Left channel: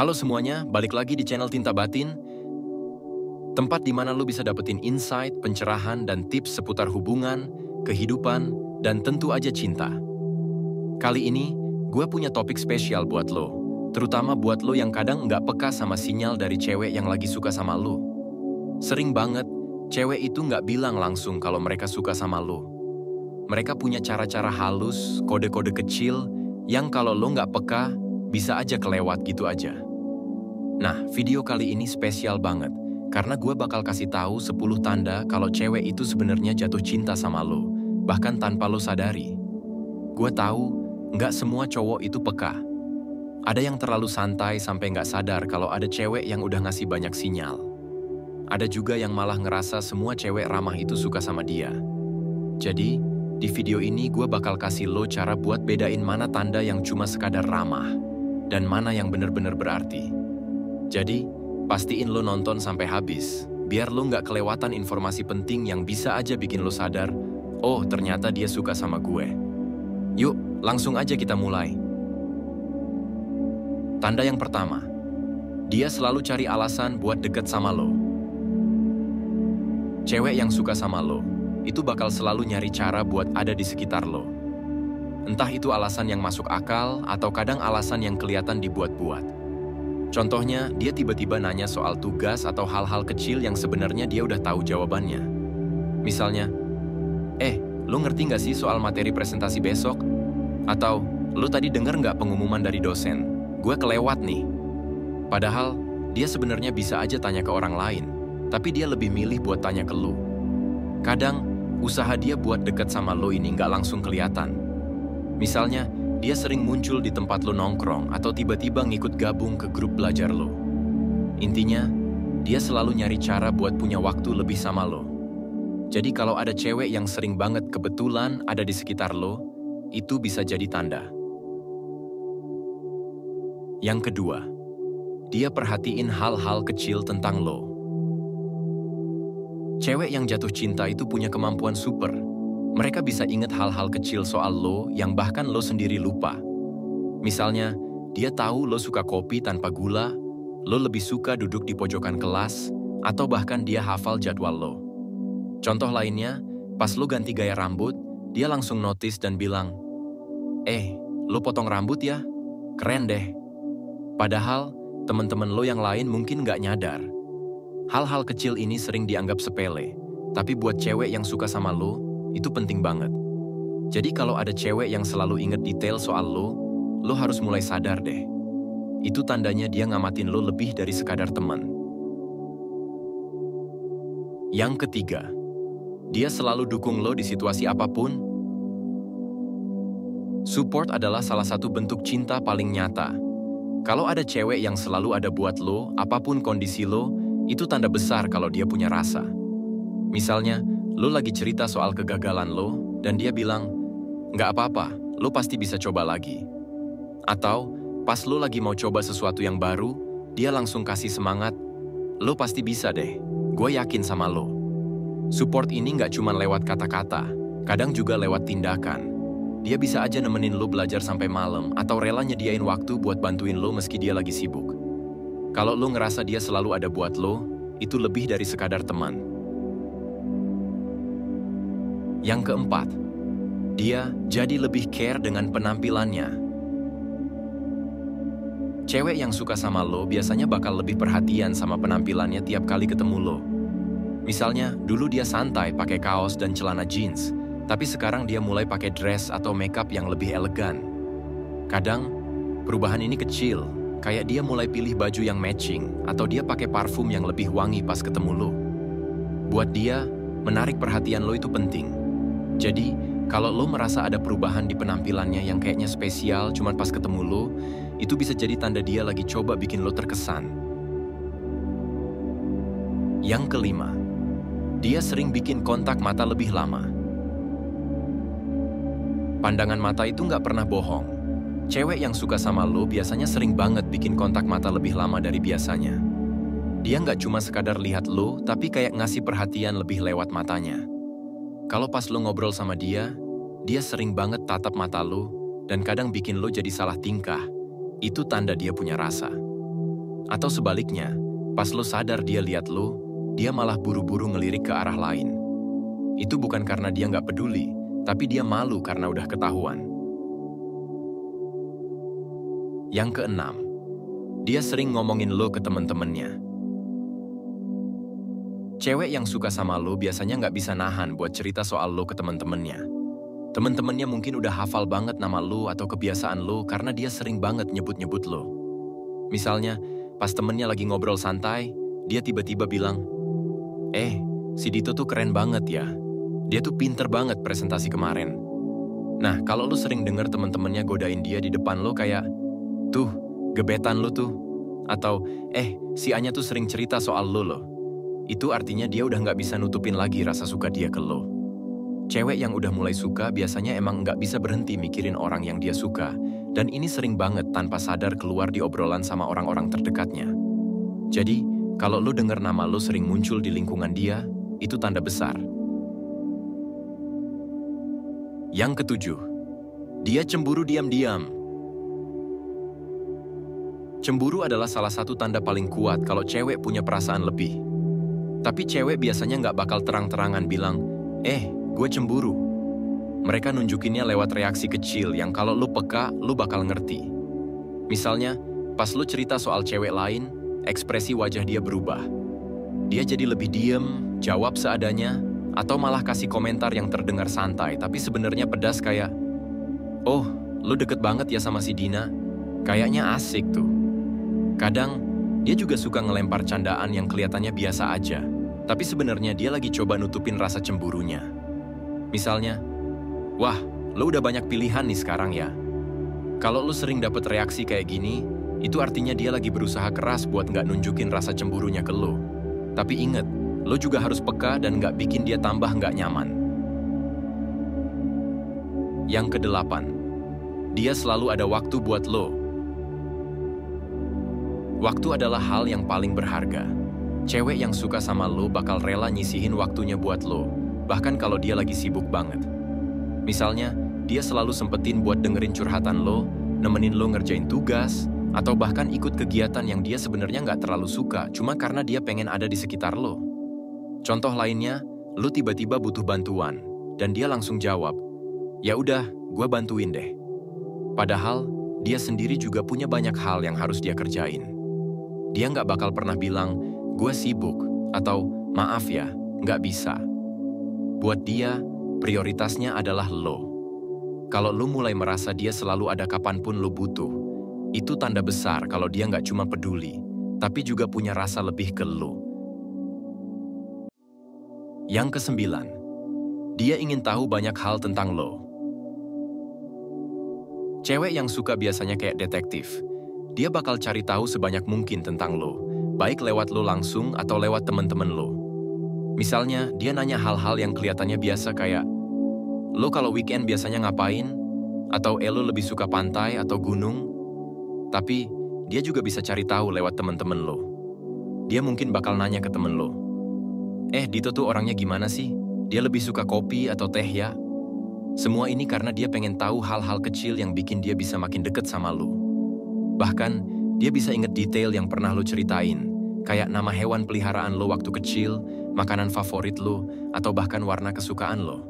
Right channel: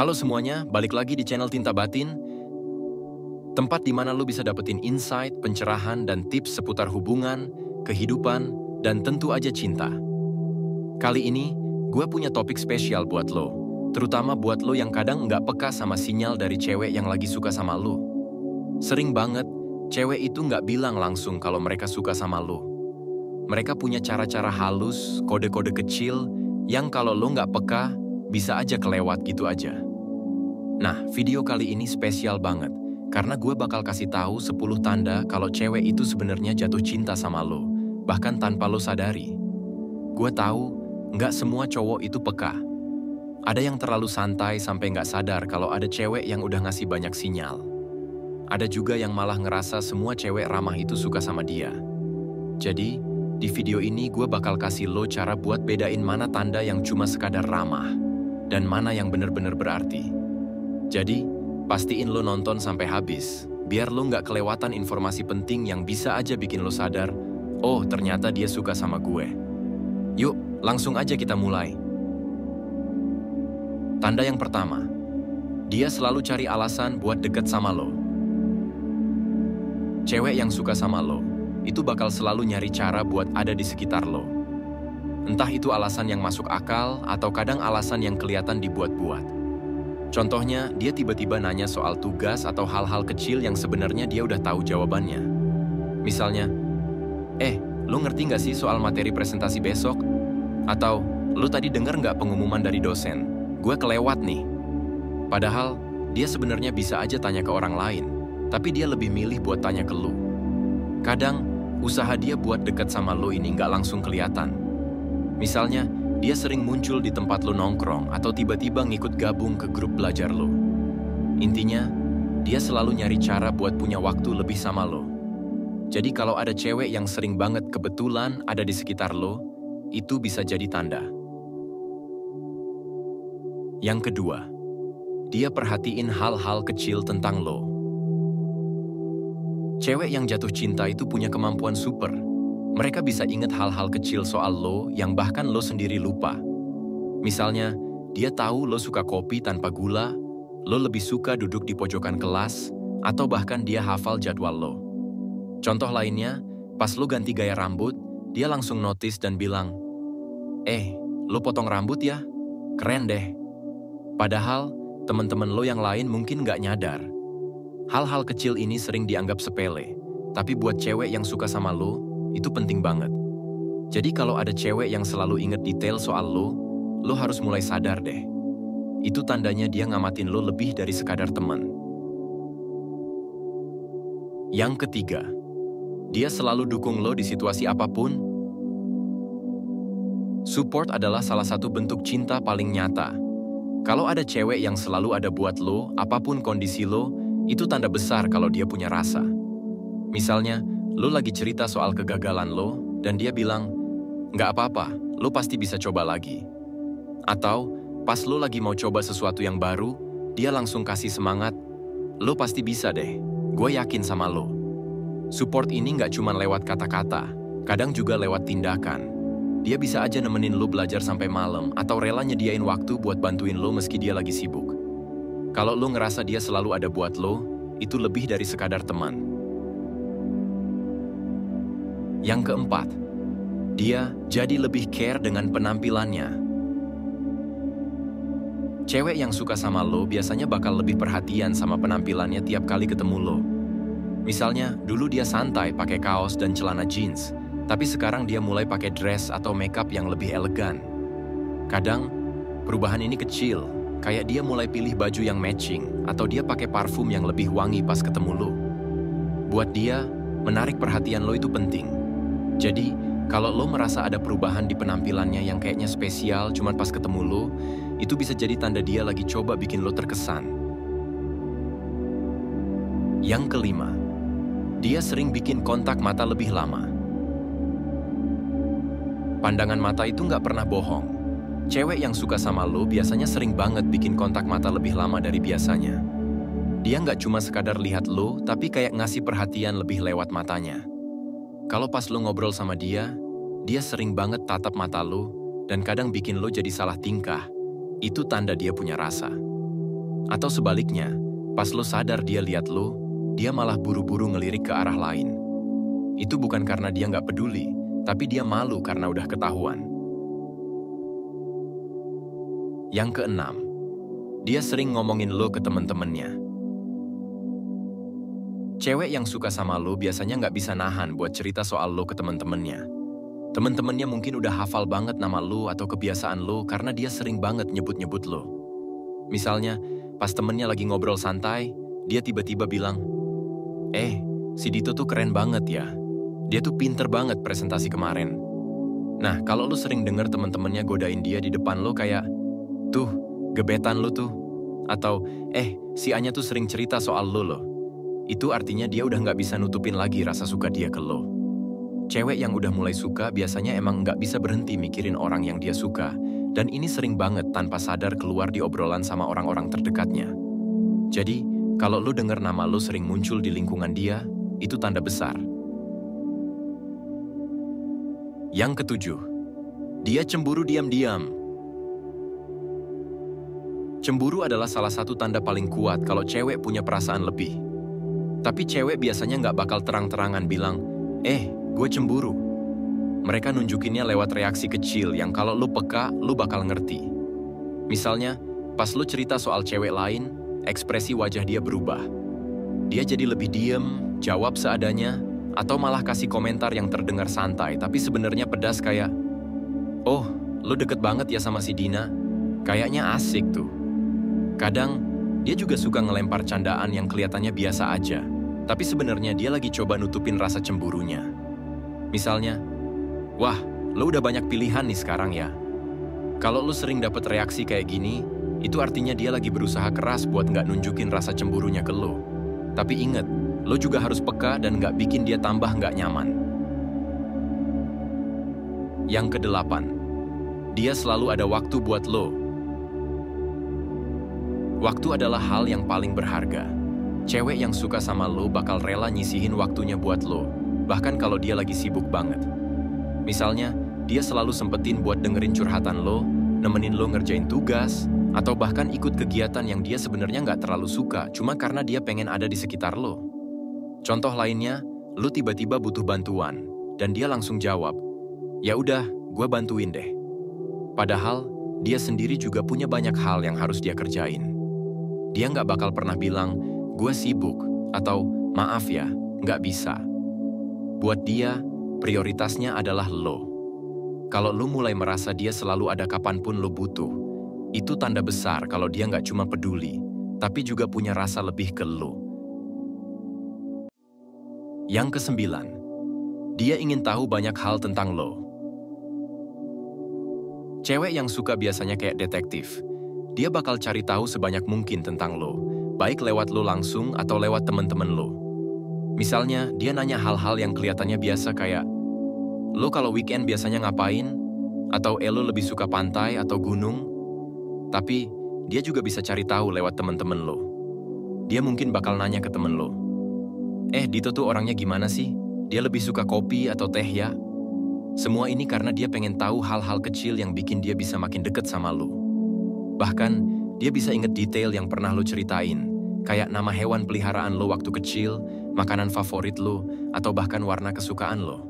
Halo semuanya, balik lagi di channel Tinta Batin, tempat di mana lo bisa dapetin insight, pencerahan, dan tips seputar hubungan, kehidupan, dan tentu aja cinta. Kali ini, gue punya topik spesial buat lo, terutama buat lo yang kadang nggak peka sama sinyal dari cewek yang lagi suka sama lo. Sering banget, cewek itu nggak bilang langsung kalau mereka suka sama lo. Mereka punya cara-cara halus, kode-kode kecil, yang kalau lo nggak peka, bisa aja kelewat gitu aja. Nah, video kali ini spesial banget, karena gue bakal kasih tahu 10 tanda kalau cewek itu sebenarnya jatuh cinta sama lo, bahkan tanpa lo sadari. Gue tahu, nggak semua cowok itu peka. Ada yang terlalu santai sampai nggak sadar kalau ada cewek yang udah ngasih banyak sinyal. Ada juga yang malah ngerasa semua cewek ramah itu suka sama dia. Jadi, di video ini gue bakal kasih lo cara buat bedain mana tanda yang cuma sekadar ramah, dan mana yang bener-bener berarti. Jadi, pastiin lo nonton sampai habis, biar lo nggak kelewatan informasi penting yang bisa aja bikin lo sadar, oh ternyata dia suka sama gue. Yuk, langsung aja kita mulai. Tanda yang pertama, dia selalu cari alasan buat deket sama lo. Cewek yang suka sama lo, itu bakal selalu nyari cara buat ada di sekitar lo. Entah itu alasan yang masuk akal, atau kadang alasan yang kelihatan dibuat-buat. Contohnya, dia tiba-tiba nanya soal tugas atau hal-hal kecil yang sebenarnya dia udah tahu jawabannya. Misalnya, lu ngerti nggak sih soal materi presentasi besok? Atau, lu tadi denger nggak pengumuman dari dosen? Gue kelewat nih. Padahal, dia sebenarnya bisa aja tanya ke orang lain, tapi dia lebih milih buat tanya ke lu. Kadang, usaha dia buat deket sama lo ini nggak langsung kelihatan. Misalnya, dia sering muncul di tempat lo nongkrong atau tiba-tiba ngikut gabung ke grup belajar lo. Intinya, dia selalu nyari cara buat punya waktu lebih sama lo. Jadi kalau ada cewek yang sering banget kebetulan ada di sekitar lo, itu bisa jadi tanda. Yang kedua, dia perhatiin hal-hal kecil tentang lo. Cewek yang jatuh cinta itu punya kemampuan super. Mereka bisa ingat hal-hal kecil soal lo yang bahkan lo sendiri lupa. Misalnya, dia tahu lo suka kopi tanpa gula, lo lebih suka duduk di pojokan kelas, atau bahkan dia hafal jadwal lo. Contoh lainnya, pas lo ganti gaya rambut, dia langsung notice dan bilang, lo potong rambut ya? Keren deh. Padahal, teman-teman lo yang lain mungkin nggak nyadar. Hal-hal kecil ini sering dianggap sepele, tapi buat cewek yang suka sama lo, itu penting banget. Jadi kalau ada cewek yang selalu inget detail soal lo harus mulai sadar deh. Itu tandanya dia ngamatin lo lebih dari sekadar teman. Yang ketiga, dia selalu dukung lo di situasi apapun. Support adalah salah satu bentuk cinta paling nyata. Kalau ada cewek yang selalu ada buat lo, apapun kondisi lo, itu tanda besar kalau dia punya rasa. Misalnya, lo lagi cerita soal kegagalan lo, dan dia bilang, nggak apa-apa, lo pasti bisa coba lagi. Atau, pas lo lagi mau coba sesuatu yang baru, dia langsung kasih semangat, lo pasti bisa deh, gue yakin sama lo. Support ini nggak cuma lewat kata-kata, kadang juga lewat tindakan. Dia bisa aja nemenin lo belajar sampai malam, atau rela nyediain waktu buat bantuin lo meski dia lagi sibuk. Kalau lo ngerasa dia selalu ada buat lo, itu lebih dari sekadar teman. Yang keempat, dia jadi lebih care dengan penampilannya. Cewek yang suka sama lo biasanya bakal lebih perhatian sama penampilannya tiap kali ketemu lo. Misalnya, dulu dia santai pakai kaos dan celana jeans, tapi sekarang dia mulai pakai dress atau makeup yang lebih elegan. Kadang, perubahan ini kecil, kayak dia mulai pilih baju yang matching, atau dia pakai parfum yang lebih wangi pas ketemu lo. Buat dia, menarik perhatian lo itu penting. Jadi, kalau lo merasa ada perubahan di penampilannya yang kayaknya spesial cuma pas ketemu lo, itu bisa jadi tanda dia lagi coba bikin lo terkesan. Yang kelima, dia sering bikin kontak mata lebih lama. Pandangan mata itu nggak pernah bohong. Cewek yang suka sama lo biasanya sering banget bikin kontak mata lebih lama dari biasanya. Dia nggak cuma sekadar lihat lo, tapi kayak ngasih perhatian lebih lewat matanya. Kalau pas lo ngobrol sama dia sering banget tatap mata lo, dan kadang bikin lo jadi salah tingkah. Itu tanda dia punya rasa. Atau sebaliknya, pas lo sadar dia lihat lo, dia malah buru-buru ngelirik ke arah lain. Itu bukan karena dia nggak peduli, tapi dia malu karena udah ketahuan. Yang keenam, dia sering ngomongin lo ke temen-temennya. Cewek yang suka sama lo biasanya nggak bisa nahan buat cerita soal lo ke temen-temennya. Temen-temennya mungkin udah hafal banget nama lo atau kebiasaan lo karena dia sering banget nyebut-nyebut lo. Misalnya, pas temennya lagi ngobrol santai, dia tiba-tiba bilang, si Dito tuh keren banget ya. Dia tuh pinter banget presentasi kemarin. Nah, kalau lo sering denger temen-temennya godain dia di depan lo kayak, tuh, gebetan lo tuh. Atau, si Anya tuh sering cerita soal lo loh. Itu artinya dia udah nggak bisa nutupin lagi rasa suka dia ke lo. Cewek yang udah mulai suka biasanya emang nggak bisa berhenti mikirin orang yang dia suka, dan ini sering banget tanpa sadar keluar di obrolan sama orang-orang terdekatnya. Jadi, kalau lo denger nama lo sering muncul di lingkungan dia, itu tanda besar. Yang ketujuh, dia cemburu diam-diam. Cemburu adalah salah satu tanda paling kuat kalau cewek punya perasaan lebih. Tapi cewek biasanya nggak bakal terang-terangan bilang, gue cemburu. Mereka nunjukinnya lewat reaksi kecil yang kalau lu peka, lu bakal ngerti. Misalnya, pas lu cerita soal cewek lain, ekspresi wajah dia berubah. Dia jadi lebih diem, jawab seadanya, atau malah kasih komentar yang terdengar santai, tapi sebenarnya pedas kayak, "Oh, lu deket banget ya sama si Dina? Kayaknya asik tuh." Kadang, dia juga suka ngelempar candaan yang kelihatannya biasa aja, tapi sebenarnya dia lagi coba nutupin rasa cemburunya. Misalnya, "Wah, lo udah banyak pilihan nih sekarang ya." Kalau lo sering dapet reaksi kayak gini, itu artinya dia lagi berusaha keras buat nggak nunjukin rasa cemburunya ke lo. Tapi inget, lo juga harus peka dan nggak bikin dia tambah nggak nyaman. Yang kedelapan, dia selalu ada waktu buat lo. Waktu adalah hal yang paling berharga. Cewek yang suka sama lo bakal rela nyisihin waktunya buat lo, bahkan kalau dia lagi sibuk banget. Misalnya, dia selalu sempetin buat dengerin curhatan lo, nemenin lo ngerjain tugas, atau bahkan ikut kegiatan yang dia sebenarnya nggak terlalu suka, cuma karena dia pengen ada di sekitar lo. Contoh lainnya, lo tiba-tiba butuh bantuan, dan dia langsung jawab, "Ya udah, gue bantuin deh." Padahal, dia sendiri juga punya banyak hal yang harus dia kerjain. Dia nggak bakal pernah bilang, "Gue sibuk," atau "Maaf ya, nggak bisa." Buat dia, prioritasnya adalah lo. Kalau lo mulai merasa dia selalu ada kapanpun lo butuh, itu tanda besar kalau dia nggak cuma peduli, tapi juga punya rasa lebih ke lo. Yang kesembilan, dia ingin tahu banyak hal tentang lo. Cewek yang suka biasanya kayak detektif. Dia bakal cari tahu sebanyak mungkin tentang lo, baik lewat lo langsung atau lewat temen-temen lo. Misalnya, dia nanya hal-hal yang kelihatannya biasa kayak, "Lo kalau weekend biasanya ngapain?" Atau lo lebih suka pantai atau gunung? Tapi, dia juga bisa cari tahu lewat temen-temen lo. Dia mungkin bakal nanya ke temen lo, "Dito tuh orangnya gimana sih? Dia lebih suka kopi atau teh ya?" Semua ini karena dia pengen tahu hal-hal kecil yang bikin dia bisa makin deket sama lo. Bahkan, dia bisa inget detail yang pernah lo ceritain, kayak nama hewan peliharaan lo waktu kecil, makanan favorit lo, atau bahkan warna kesukaan lo.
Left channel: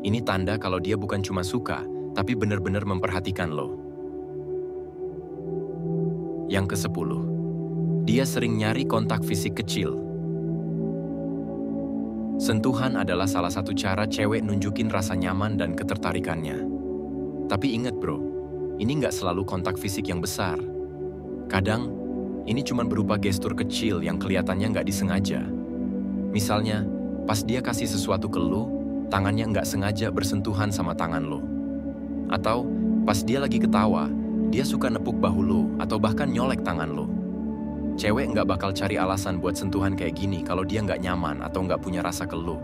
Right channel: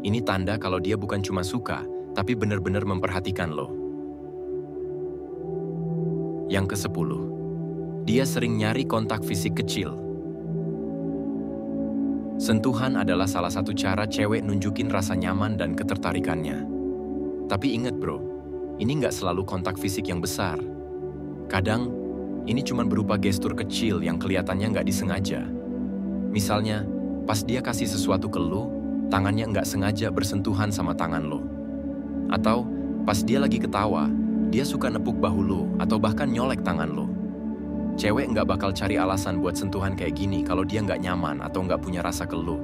Ini tanda kalau dia bukan cuma suka, tapi benar-benar memperhatikan lo. Yang ke-10, dia sering nyari kontak fisik kecil. Sentuhan adalah salah satu cara cewek nunjukin rasa nyaman dan ketertarikannya. Tapi ingat bro, ini nggak selalu kontak fisik yang besar. Kadang, ini cuma berupa gestur kecil yang kelihatannya nggak disengaja. Misalnya, pas dia kasih sesuatu ke lo, tangannya nggak sengaja bersentuhan sama tangan lo. Atau, pas dia lagi ketawa, dia suka nepuk bahu lo atau bahkan nyolek tangan lo. Cewek nggak bakal cari alasan buat sentuhan kayak gini kalau dia nggak nyaman atau nggak punya rasa ke lo.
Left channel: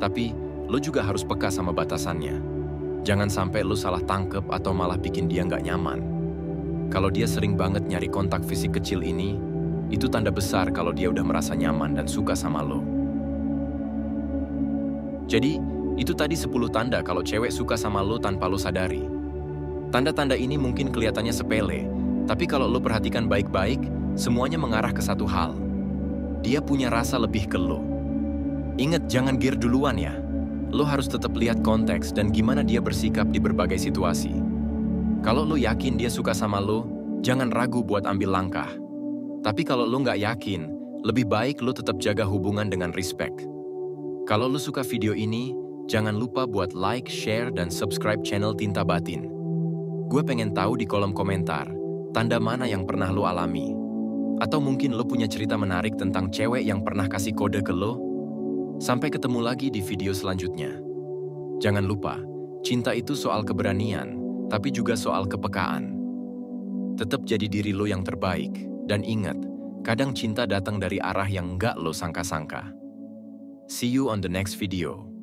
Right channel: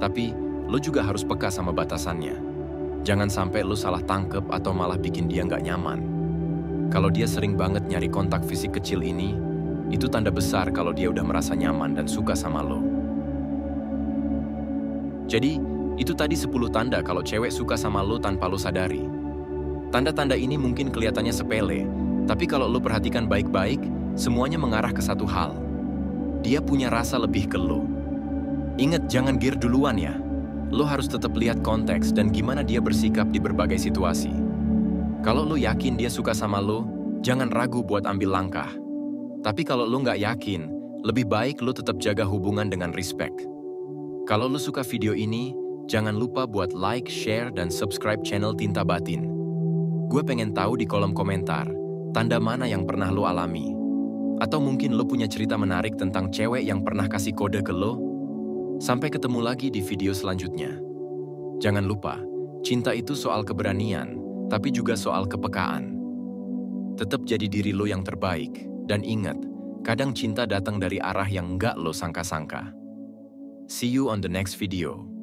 Tapi, lo juga harus peka sama batasannya. Jangan sampai lo salah tangkep atau malah bikin dia nggak nyaman. Kalau dia sering banget nyari kontak fisik kecil ini, itu tanda besar kalau dia udah merasa nyaman dan suka sama lo. Jadi, itu tadi 10 tanda kalau cewek suka sama lo tanpa lo sadari. Tanda-tanda ini mungkin kelihatannya sepele, Tapi kalau lo perhatikan baik-baik, semuanya mengarah ke satu hal. Dia punya rasa lebih ke lo. Ingat, jangan gear duluan ya. Lo harus tetap lihat konteks dan gimana dia bersikap di berbagai situasi. Kalau lo yakin dia suka sama lo, jangan ragu buat ambil langkah. Tapi kalau lo nggak yakin, lebih baik lo tetap jaga hubungan dengan respect. Kalau lo suka video ini, jangan lupa buat like, share, dan subscribe channel Tinta Batin. Gue pengen tahu di kolom komentar, tanda mana yang pernah lo alami. Atau mungkin lo punya cerita menarik tentang cewek yang pernah kasih kode ke lo. Sampai ketemu lagi di video selanjutnya. Jangan lupa, cinta itu soal keberanian, tapi juga soal kepekaan. Tetap jadi diri lo yang terbaik, dan ingat, kadang cinta datang dari arah yang nggak lo sangka-sangka. See you on the next video.